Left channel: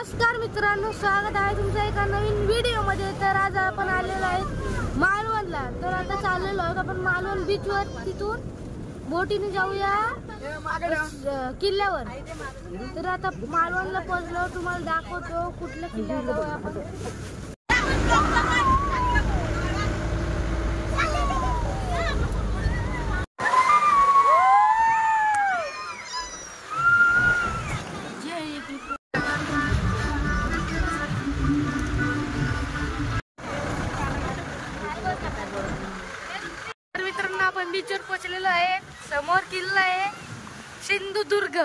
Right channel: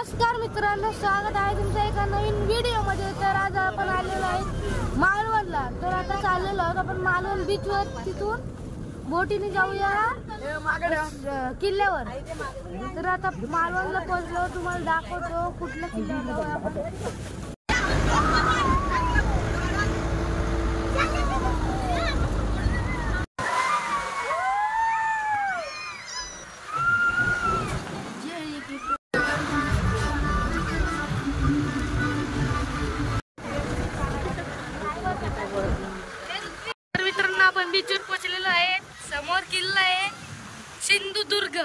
नमस्कार मित्रांनो, स्वागत आहे तुमच्या एका नवीन व्हिडिओ मध्ये। तर आज आपण आलेलो आहे मालवणला। तर आता चाललेलो आहोत आपण मालवण बीच वर, तिथून बोटीने जाऊया किल्ल्यावर। तर आता मालवणला पोहोचलो, तुम्हाला दाखवतो कुठल्या किल्ल्यावर जाऊया आपण। मित्रांनो, आपण बीच वर पोहोचलेलो आहे। समोर किल्ला आहे सिंधुदुर्ग।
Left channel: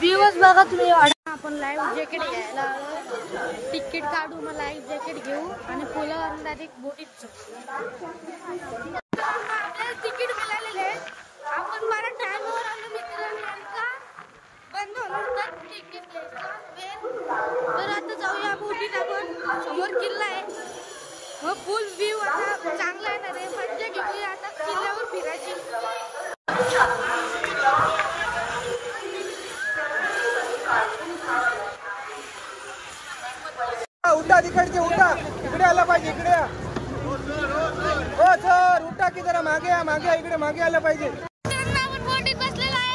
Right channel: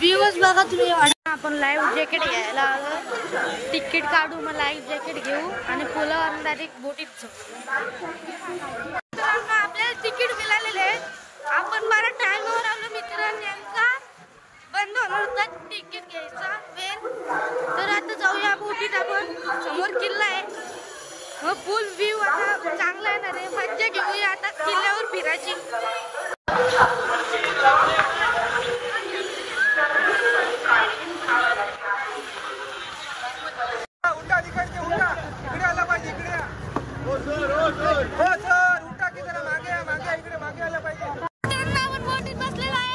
दिवस बघा तुम्ही। आपण लाईव्ह जॅकेट घ्यायला आलो, तिकीट काढू, मग लाईव्ह जॅकेट घेऊ आणि पुलावर डायरेक्ट बोटीत जाऊ। आपल्याला तिकीट मिळालेले आहे, आपण बरा टाइमवर आलो मित्रांनी। नेमका बंद होणार होता तिकीट घ्यायचा वेळ। तर आता जाऊया बोटीत आपण। समोर किल्ला आहे, मग फुल व्ह्यू आता चांगला येणार आहे। मज्जा घेऊया आता किल्ल्यावर फिरायची। उठा तिकडचे, उठा इकडे आला पाहिजे, इकडे हो सर, उठा की जरा मागे या, मागे इकडे मागे आलं पाहिजे। आपण बोटीत बसलेलो आहे।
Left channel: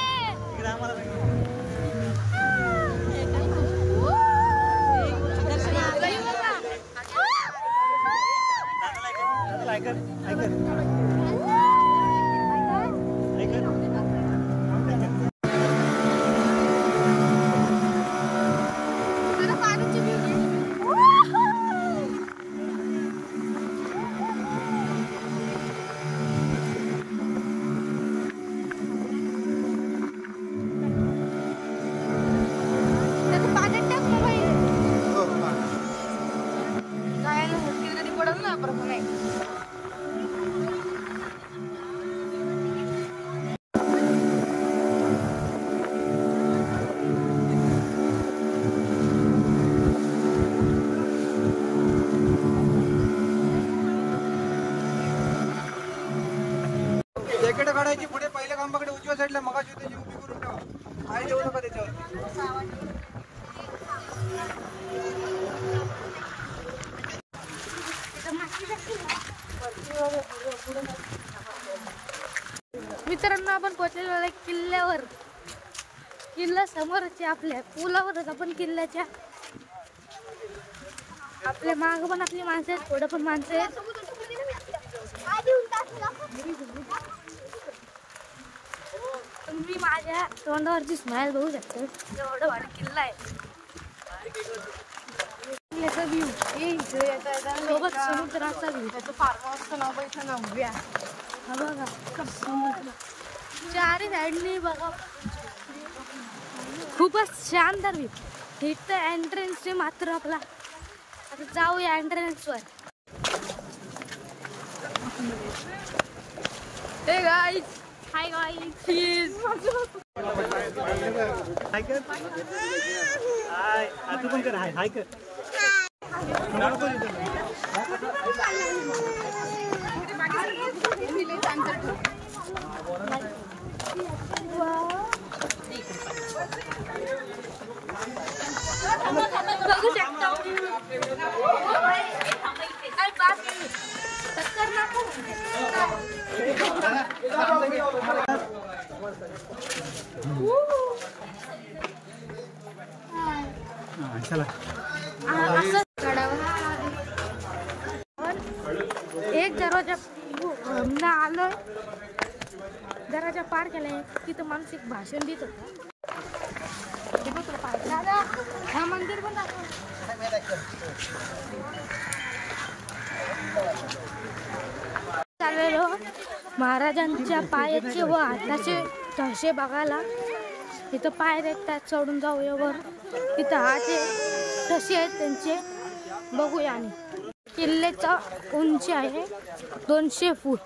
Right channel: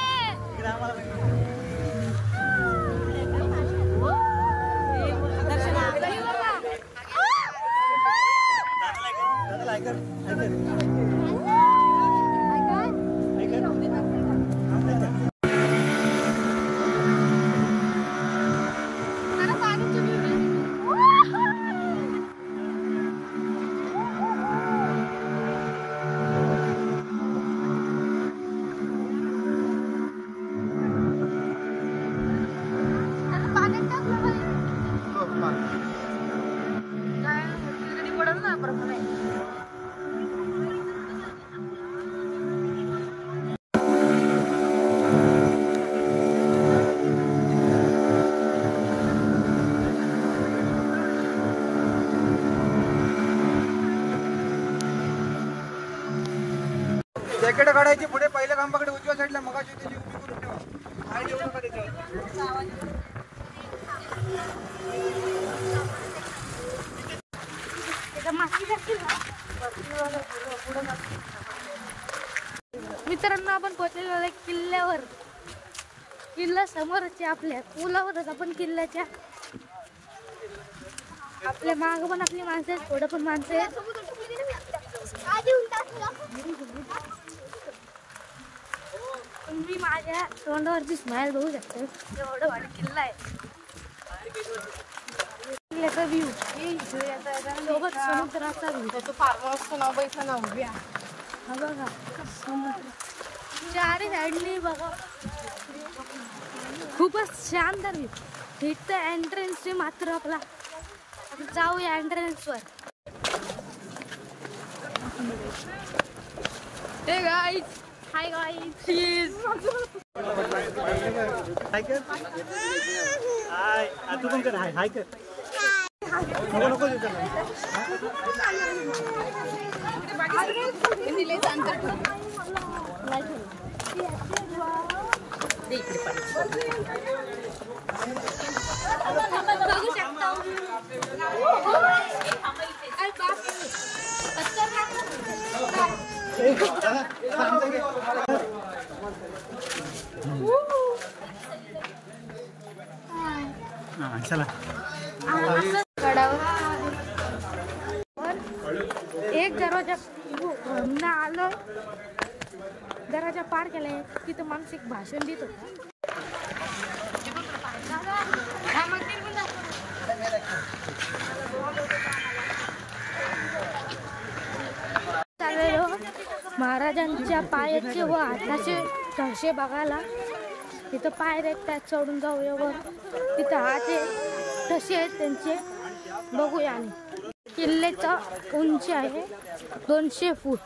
जॅकेट काढायची पुढे पहिल्या खांबाकडे उजव्या साईडला, मगाशी त्याची उभी करून ठेवा। हाय जेवढं का त्याच्यावर मित्रांनो, आपण पोहोचलेलो आहे किल्ल्यावर। किल्ला समोरच आहे, आपल्या पुलावरच आपण किल्ल्याच्या। आपल्या माग पण आपली माणसं आहेत, पुढे पण माणसं आहेत। तुम्ही माझ्या तोंडावरची स्माइल बघू शकता, एवढा भारी किल्ला आहे। किल्ल्याचा व्ह्यू सोबत समुद्राचा व्ह्यू। हा बघा समुद्र, चारी साईडनी बघा, खूपच शानदार व्ह्यू। इथं एंट्रन्स आहे मात्र आपला। आता जाऊया एंट्रन्स वर। Hey guys, hi guys, please hi कर, हाय तू पण कर, हाय हाय कर। बघू शकता एक दरवाजा आलो, दरवाजा पार केलाय। तिथं माणूस एक भाषण देत होता। हा मंदिर पण चाललेलो महाराजांच्या पायाचे व हाताचे ठसे बघायला। तिथं पाय एकटा चढून जाऊया वर, तिथं हात ठसे आहेत त्यांचे, बघूया। आणि किल्ल्याचा उंची आहे 200 फूट।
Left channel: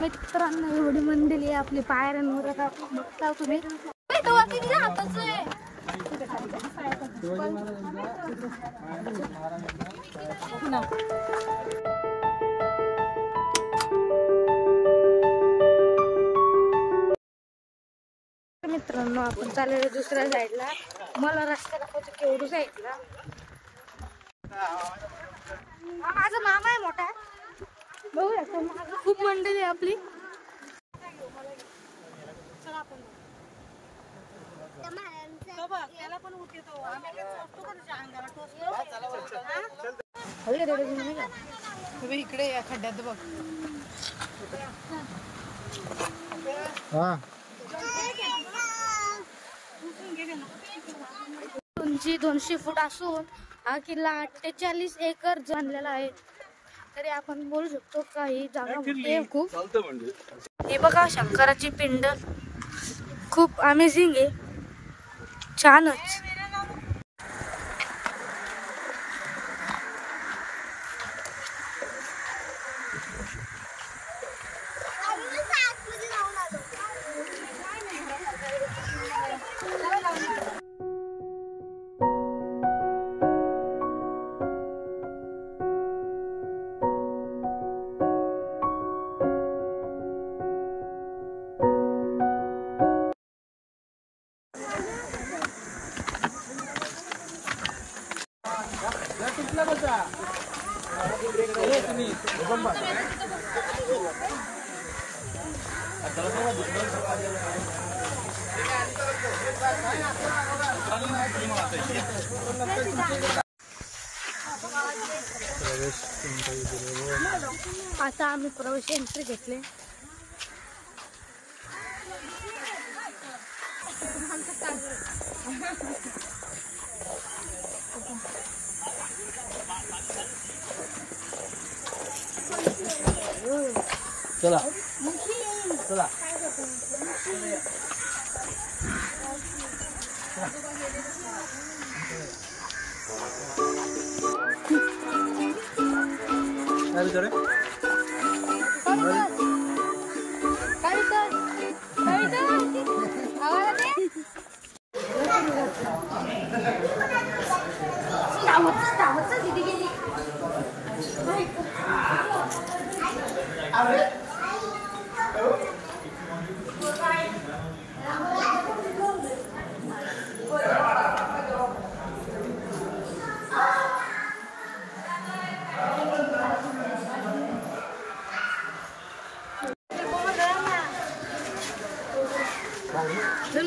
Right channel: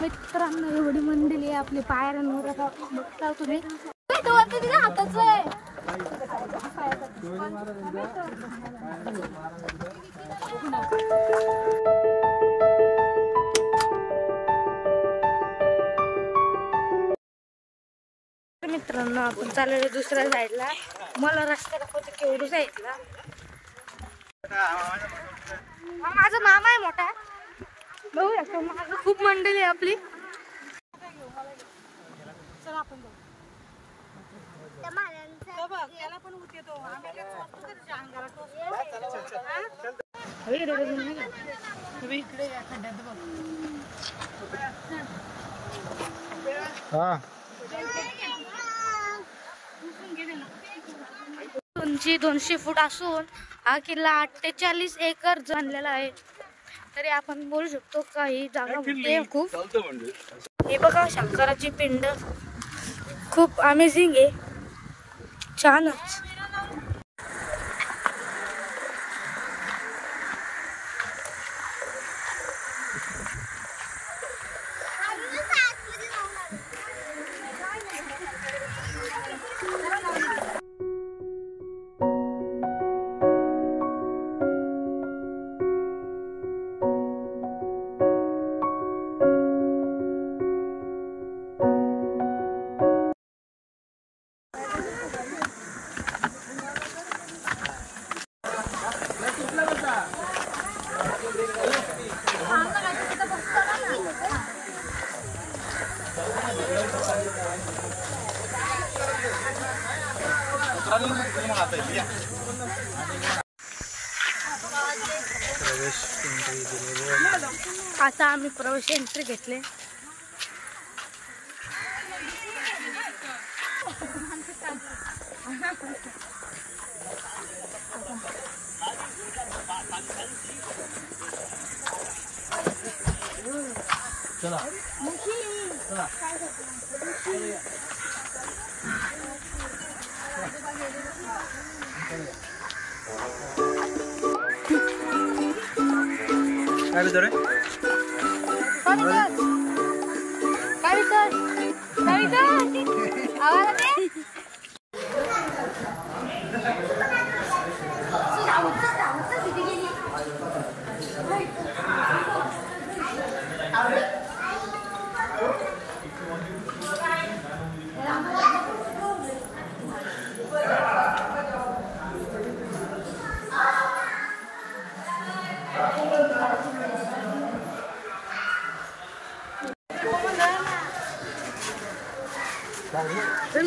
मित्रांनो, एवढी मंडळी आहे आपली पायऱ्यांवर, आता बघता तुम्ही। किती हाताचं आहे। मित्रांनो आपण चाललेलो दुसऱ्या साईडला. मला रस्ता दाखवतो केवढू साईडला. माझा मामा आहे मोठा. बघू शकतो माझं खूप मंडळी आहे आपली. इकडे या खड्ड्यात बघ. उंची 200 फूट असून हा किल्ला 48 एकर बांधलेला आहे. तरी आपण बोलू शकतो का ही जागा मोठी आहे खूप. हे बघा शंकराची पिंड खूप अमेझिंग आहे. छानच. आता आम्ही प्रवेश एंट्री घेतले. चला चला. काय विचार आहे?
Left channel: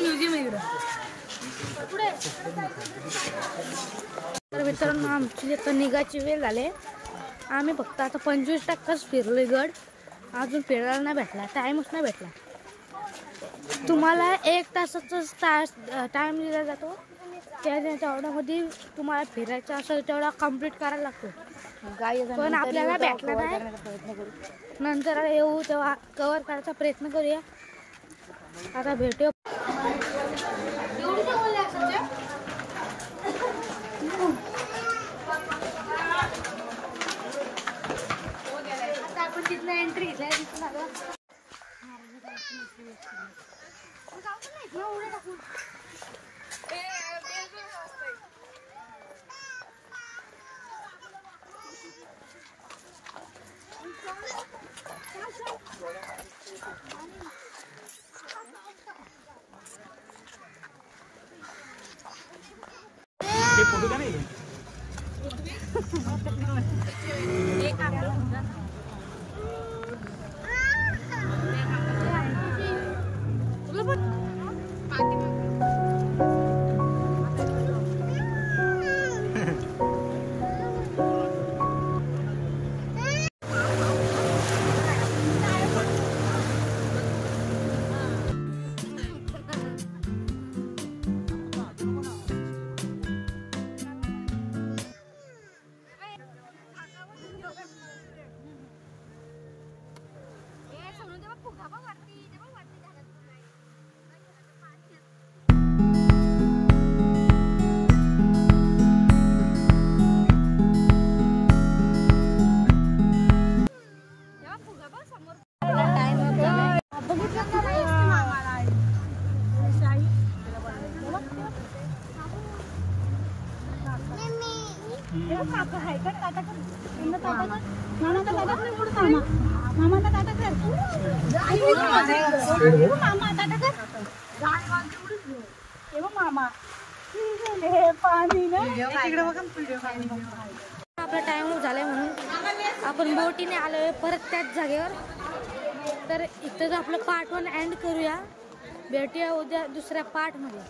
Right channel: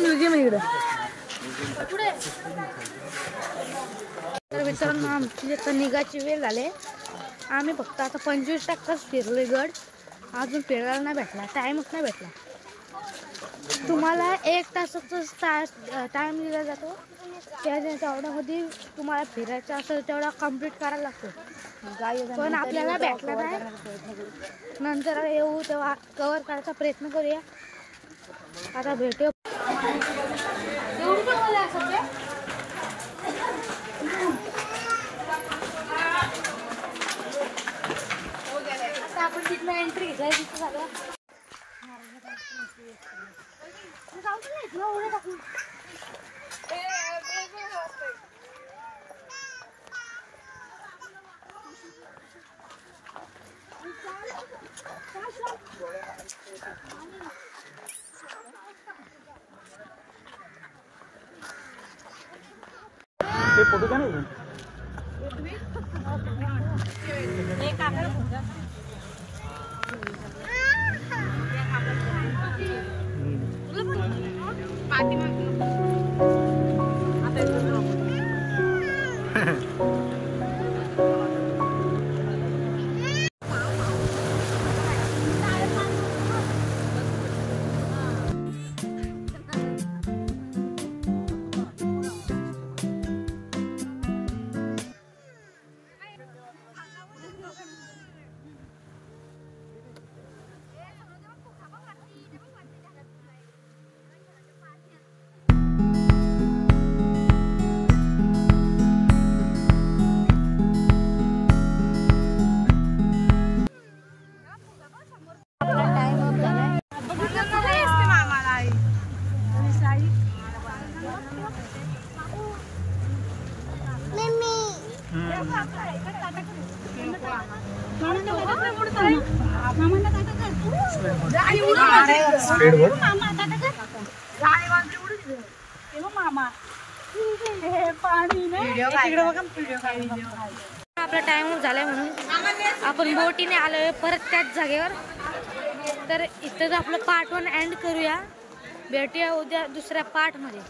म्युझियम इकडे. तर मित्रांनो आमची आता निघायची वेळ झाली. आम्ही फक्त आता 25% फिरलोय गड. अजून फिरायला नाही भेटला. टाइमच नाही भेटला. तुम्हाला 1 तासाचा टाइम दिला जातो. तेवढ्यामध्ये तुम्हाला फिरायचं असेल तेवढा कम्प्लीट करायला लागतो. पण आपल्याला भेटला नाही. नंतर येऊ तेव्हा कव्हर करायचा प्रयत्न करूया. आता भेटू. आता आपण तिथनं एंट्री घेतलाय. स्पीड बोट आपला टाइम झालाय म्हणून आपण बोटीने आलोय परत त्याच जागेवर. तर इथं आपलं पार्ट 1 एंड करूया. भेटूया उद्या दुसऱ्या पार्ट मध्ये.